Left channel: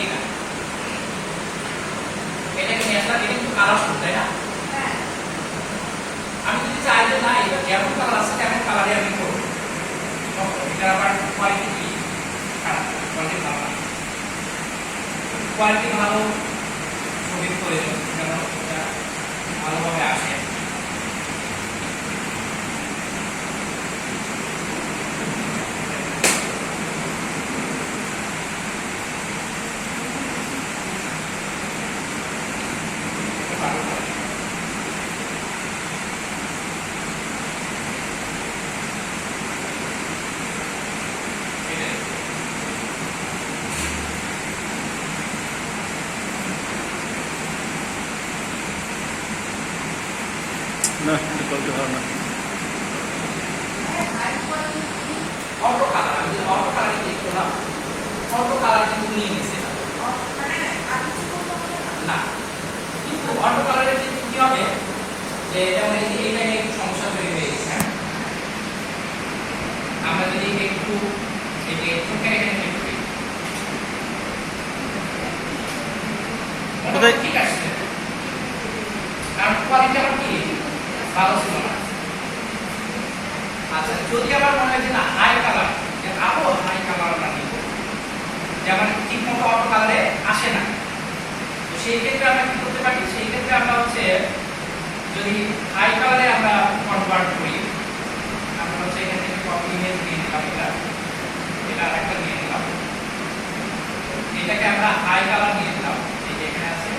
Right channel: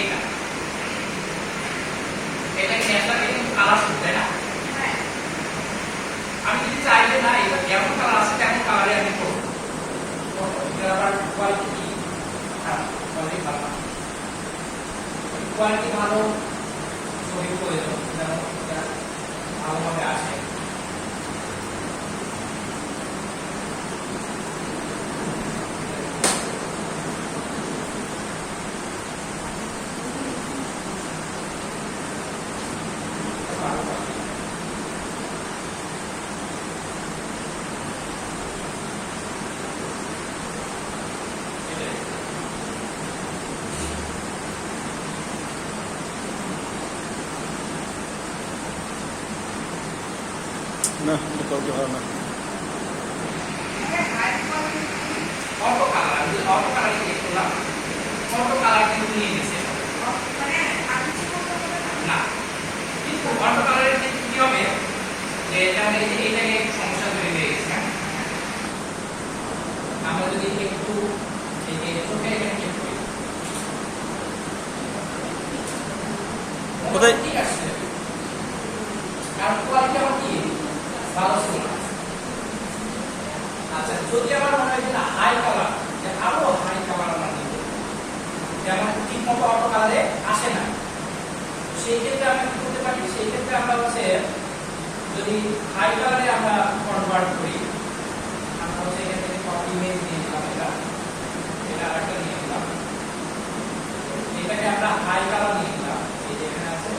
এইটা এটাকে নিয়ে আসলাম, এটা কিন্তু কালার শুরু, তাই না? আমি যদি চাই যে না এটা যেমন কালার আছে তেমন কালারে আমি করবো, এটা আবার কোয়ালিটি কি কোয়ালিটি ভালো না, কোয়ালিটি ভালো ছবি প্রয়োজন যেন এটা ভালোভাবে আসে। না এটা করতে ভালো না। অটো কালার, আমি অটো কালার ক্লিক করলাম, অটো কালার কিন্তু নিয়ে নিছে না, কিন্তু অটো কালারের ক্ষেত্রে কি হবে যে যেমন এইটা নিয়ে একটু সমস্যা তৈরি হয়ে গেছে। হ্যাঁ, আমরা যদি একটু এটাকে চোখের এখানে ক্লিক করি, কোথায় ঠিক আছে, কারণ কোয়ালিটি আমার কি ভালো ছিল না। আচ্ছা, যদি আবার মনে হয় যে না হাই কালার, যে আরো হাই কালার আমরা নিব, যেমন ঠিক মতো অটো কালারে আসে না, তো সেই ক্ষেত্রে আমরা কি করতে পারি, সেই ক্ষেত্রে আমরা হচ্ছে যদি হাই কালারে আমরা কনভার্ট করি, আমরা হচ্ছে এখান থেকে কপি ইমেজ নিয়ে নিলাম, এটা একটা নিয়ে নিলাম, এটাকে আমরা হাই কালার নিয়ে নিলাম, এই যে এখানে আছে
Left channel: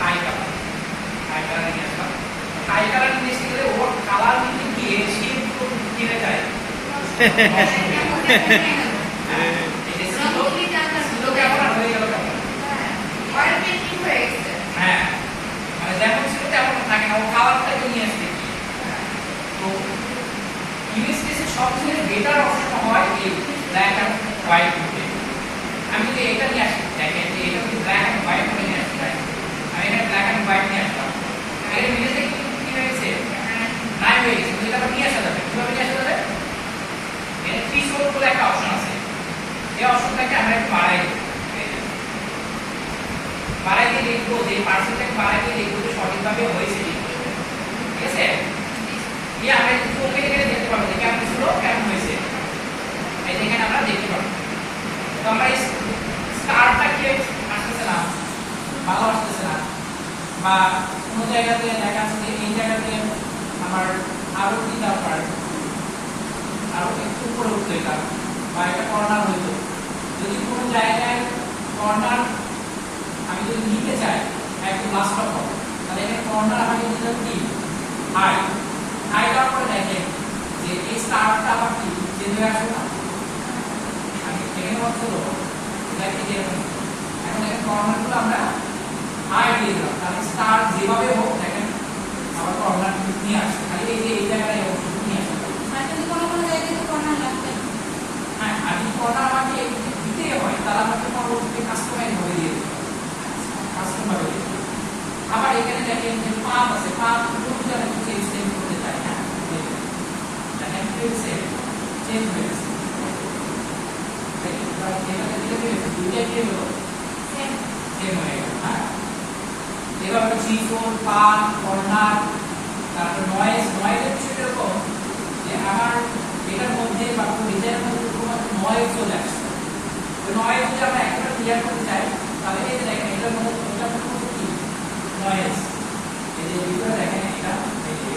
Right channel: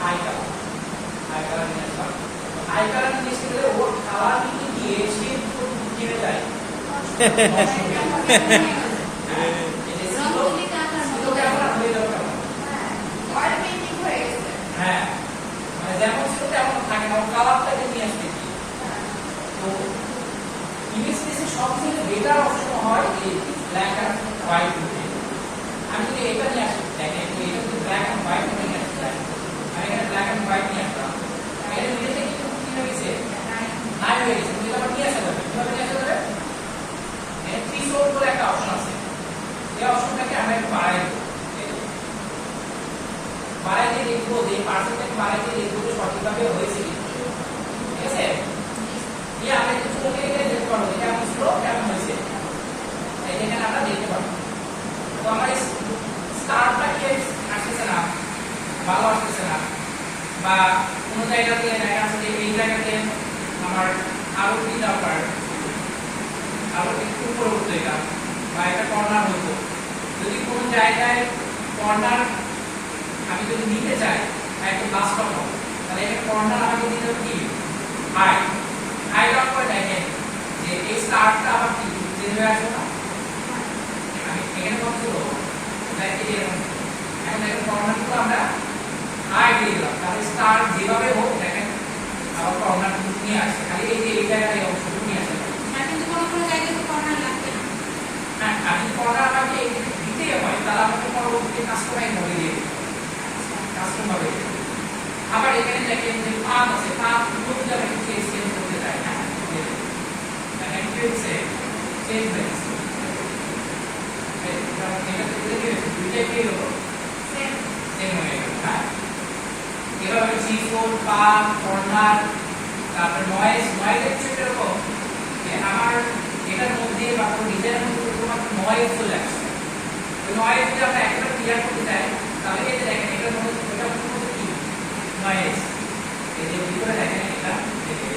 হাই কালার, হাই কালার নিয়ে আসলাম। হাই কালার নিয়ে এসে গেলে ওর কালার নিতে গিয়ে সে কিনে যায় হ্যাঁ, মানে যেমন ছিল তেমন থাকে না, ও কালারটাকে নিয়ে আসতে কি। তো ইমেজ স্পেসে সবচেয়ে বেটার অপশন হয় এই ব্ল্যাক এন্ড হোয়াইট মধ্যে। আমি যদি এটা নিয়ে আসি, দেখেন যে এটা যদি ব্ল্যাক এন্ড হোয়াইট মধ্যে নিয়ে আসি, আমি এটা ব্ল্যাক এন্ড হোয়াইট নিয়ে আসলাম, এর মিলে থেকে কি হয়ে গেছে, নাই হয়ে গেছে। এটা আবার নিয়ে আসা যাবে, কিভাবে নিয়ে আসা যাবে, এর থ্রেশহোল্ড বলে একটা অপশন আছে, এই অপশনটাকে আমরা একটু বাড়াই দেব, বাড়াই দিয়ে দেখবো যে পার্সেন্টেজ বাড়াই দিয়ে দেখবো যে সঠিকভাবে হয়েছে কি, ঠিক আছে। এই আমরা একটু চোখে এখানে দেখতে পারবো যে কেমন ছিল কেমন হয়েছে, এই দেখেন আমরা দেখতে পারবো। তো আমরা এই স্টারটা কি আসতেছে না, ভালো আসতেছে না, বা কোনো জায়গাতে দেখা যাচ্ছে যে এই জায়গাতে আমার আরো কি দরকার, আরো একটু উপরে উঠতো এটা, বা এটা কর্নার হইতো। যদি কোনো জায়গায় কর্নার আমি যদি নিতে চাই একটু লাস্ট অফ, তাহলে এখানে কর্নার আমাকে দিতে হবে কি হাই, হাই লক করে দেখেন যে এই স্টারটা আবার কি চেঞ্জ হয়ে আসবে না, আমি এখানে বন্ধ করবো, দেখি এরকম। এখন দেখেন কর্নারগুলো আমরা হাই দিয়ে দিলাম, তাহলে স্টার যেভাবে হোক দেখেন আবার কর্নার নিয়ে আসছে, খালি এই যে এই জায়গায় এই অংশটুকু নিয়ে আসতে হবে। কিন্তু কোনো কোনো জায়গায় তো কর্নার লাগবে। হ্যাঁ, আর যদি কর্নার আমাকে দিতে হয় তাহলে আমাকে পরবর্তীতে কাস্টমাইজ করে দিয়ে দিতে হবে, কাস্টমার হয়ে যাবে। আবার এখানে দেখেন যে পাথ আছে, পাথ কোনটা আমি চেঞ্জ করতে চাই না, দেখেন কি হচ্ছে চেঞ্জ হয়ে গেছে, এটাতে চেঞ্জ হয়েছে, দুইটাই কি হলো সেম হয়ে গেল। হ্যাঁ, এভাবে থ্রেশহোল্ড, পাথ, কর্নার, তারপর নয়েজ, নয়েজের বিষয়টা এরকম যে আমার এটার মধ্যে বা কোনো ডিজাইনের মধ্যে কোনো নয়েজ চলে আসছে, তো নয়েজ যদি আমরা একেবারে ক্লিয়ার করতে চাই তাহলে এই যে দেখেন এটার মধ্যে কি নয়েজ, এই যে ভিতরে দেখেন এটা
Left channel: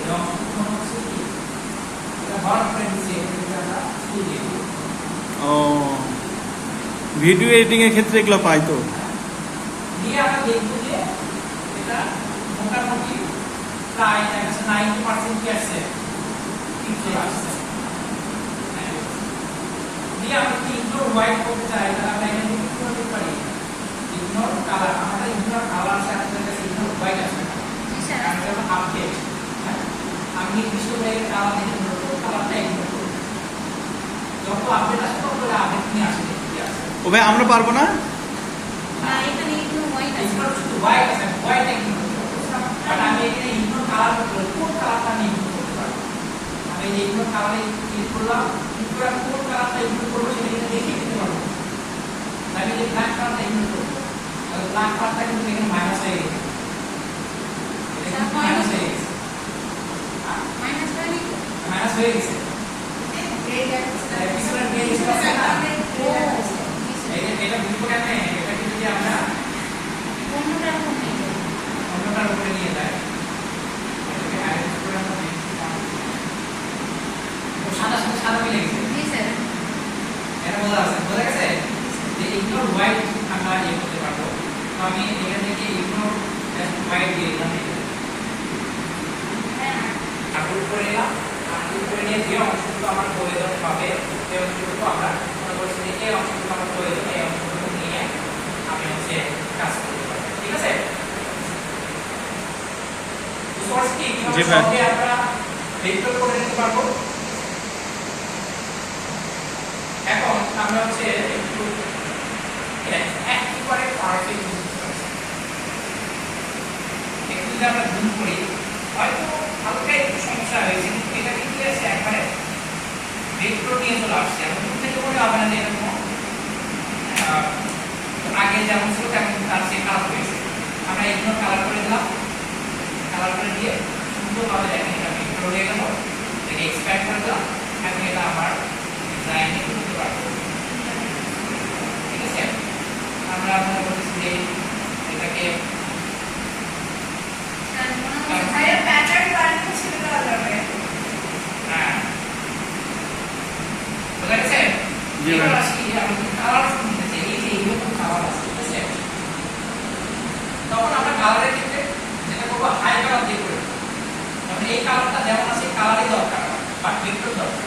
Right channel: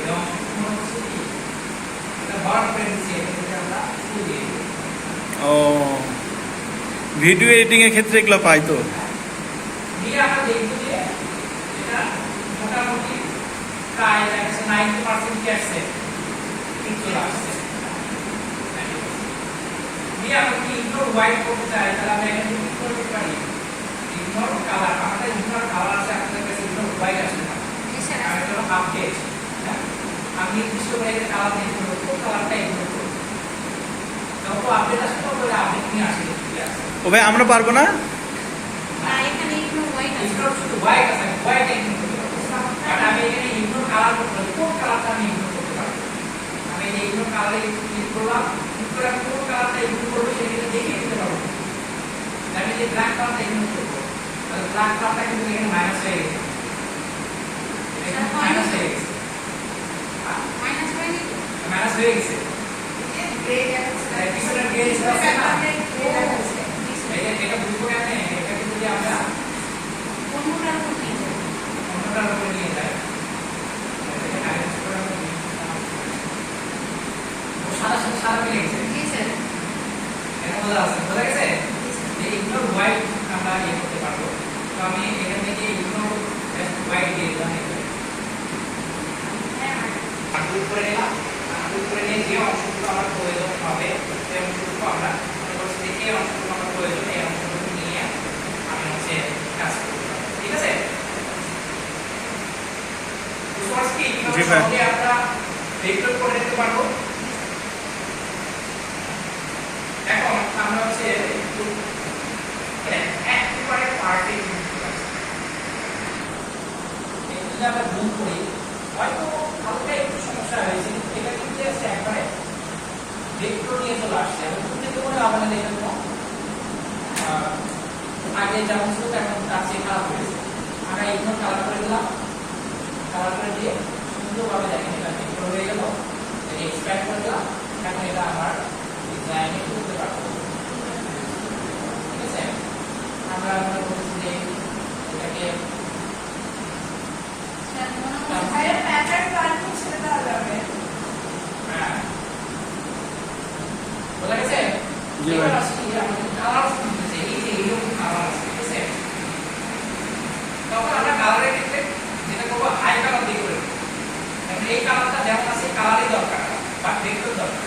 এবং কোনো কিছু কি এটা হট ফ্রিকোয়েন্সি, এটা আমরা কি দিয়ে দিই। ও ভিডিও এডিটিং এর ক্ষেত্রে এগুলো পাই তো, দিয়ে আমরা দেখব যে এটা মোটামুটি প্রায় 90% কি আসছে, ঠিক চলে আসছে। দিয়ে আমরা কি ইগনোর হোয়াইট করতে চাই, তাহলে আমরা এখানে কি করতে পারি, ইগনোর কালার, আমরা ইগনোর কালার আছে আপনাদের কাছে, ইগনোর হোয়াইট আসবে না, কারণ এটা হলো আপডেট। হ্যাঁ, আমি নির্দিষ্ট করে কালার ইগনোর করব, কালারটা ইগনোর করব, যত আপডেট আসবে তত আপডেট নিয়ে আসবে, ঠিক আছে। ও ভাই আমরা পারবো না, না এখানে একটু হোয়াইট আছে, ইগনোর শুধু হোয়াইট আছে, হোয়াইট ইগনোর করতে পারবো, বাট আমি এখানে ইগনোর কালার করতে পারবো, কোন কালারটা আমি ইগনোর করতে পারবো, আমি এই ইগনোর কালারে ক্লিক করলাম, ক্লিক করে কোন কালারটা ইগনোর করবো সেটা দেখিয়ে দিতে পারবো, আমি যে ব্ল্যাক কালারটা ইগনোর করবো বোঝা গেছে যে ইগনোর হোয়াইট আমরা ইয়ে করতে পারবো। তো আমি এখান থেকে ইগনোর হোয়াইট দিয়ে দিলাম, আনডু করে নিলাম। আনডু করে নিয়ে যে অংশটুকু আমার প্রয়োজন হবে সেই অংশটুকু আমরা বলছি যে এই অংশটুকু আমার প্রয়োজন, এই অংশটুকু নিয়ে আমি হচ্ছে কাজ করতে পারবো। ঠিক আছে, সোর্স কি জি ভাই। সহজে আমরা ভেক্টর করে নিতে পারবো। এখন আমরা হচ্ছে একটু একেবারে পারফেক্ট একটু যদি আমরা জুম করি হয়তো হালকা একটু সমস্যা হয়েছে, কিন্তু এটা কিন্তু এসে একবারে ভেক্টর নিয়ে চলে আসছে। এবং জুম থেকে মনে হবে না যে এরকম আগে যেমন ছিল তেমন তার চেয়ে খারাপ হয়েছে। আমরা এগুলো কালার করে দিলাম, কালার করে দিয়ে সুন্দরভাবে দেখেন এটা ভেক্টর হয়ে গেল। এটাকে এক্সপ্যান্ড করে দিলাম, এখন এটা আমার ডিজাইনে করতে পারবো। ঠিক আছে, আমরা মনে করছি যে এটাকে হ্যাঁ বোঝা গেছে। জি ভাই। এবার আসি আমাদের কালার শুনতেছে, এই যে এইরকম কালার আছে, ঠিক আছে। তখন আমরা কালারের ক্ষেত্রে যেটা করবো হাই কালার দিয়ে করে দেবো। তখন এই কালারটা যেমন আছে এই কালারই দরকার বা ভেক্টর দরকার।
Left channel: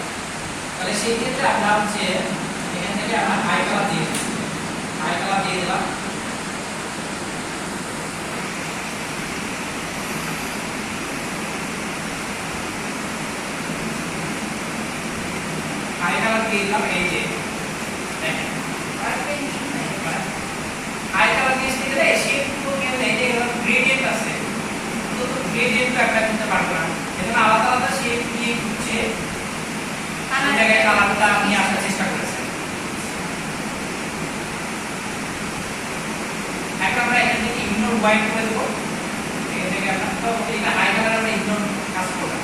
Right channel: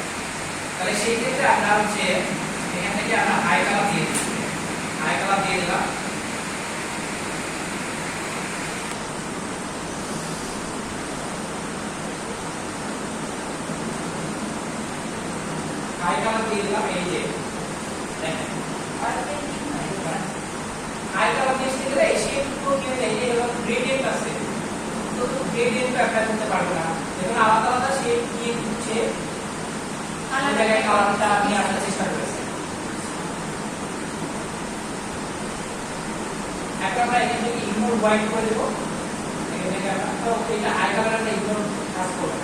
তাহলে সেই ক্ষেত্রে আমরা হচ্ছে এখান থেকে আমরা হাই কালার দিয়ে দিই, হাই কালার দিয়ে দিলাম। হাই কালার দিয়ে দিলাম, এই যে দেখেন হাই কালার দিয়ে গেলে শেপগুলো কিন্তু এই যে গ্রেডিয়েন্ট আছে, তো গ্রেডিয়েন্ট অ্যাপ্লাই করতে পারবো না। এজন্য আলাদা আলাদা শেপ দিয়ে হচ্ছে এই জায়গায় কালারটা নিয়ে আসার চেষ্টা করেছে। এখন আমরা এখান থেকে ইগনোর হোয়াইট করে দেবো, এখান থেকে আমরা তো এটা হাই কালার আমরা ইগনোর কাজ করলাম।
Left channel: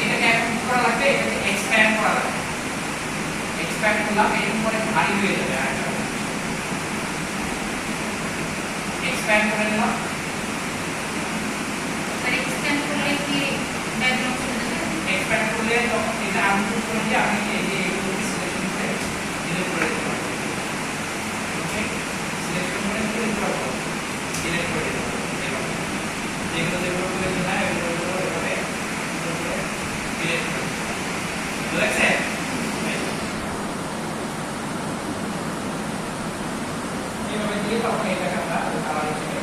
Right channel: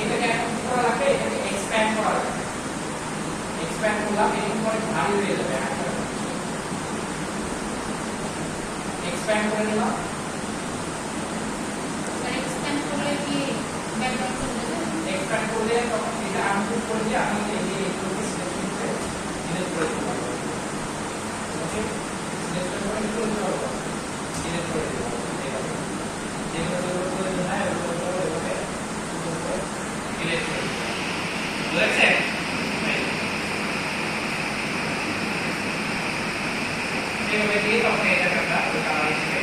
এটাকে এখন কি করা লাগবে, এটাকে এক্সপ্যান্ড করা লাগবে। এক্সপ্যান্ড করলাম, এরকম করে ভারী হয়ে যাবে। এক্সপ্যান্ড করে নিলাম, এক্সটেন্ড করলে কি ব্যাকগ্রাউন্ড চলে যাবে? এক্সপ্যান্ড করলে তখন এটা আনডু করে দিয়ে আমি এই যে এগুলোকে সিলেকশন করে ডিলিট করে দিতে পারবো। ওকে, সিলেকশন করে কি করতে পারবো, ডিলিট করে দিতে পারবো। যেগুলো যেগুলো প্রয়োজন হয় ওগুলো এভাবে ডিলিট করে দিতে পারবো। বুঝেছে? এইভাবে দিয়ে তখন এটাকে আমরা ওই কালার হিসেবে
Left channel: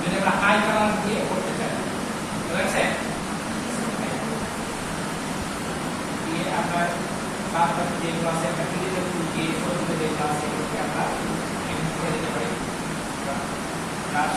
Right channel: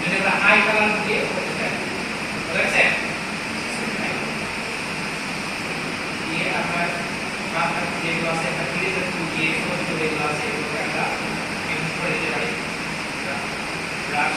যদি আমরা হাই কালার দিয়ে করতে চাই, বুঝেছে? দিয়ে আমরা বাদ যেগুলো আছে একটা ক্লিয়ার টুল দিয়ে ছোট ছোট যেগুলো আছে এগুলোকে আমরা এডিট করে দিতে পারি। ব্রাশ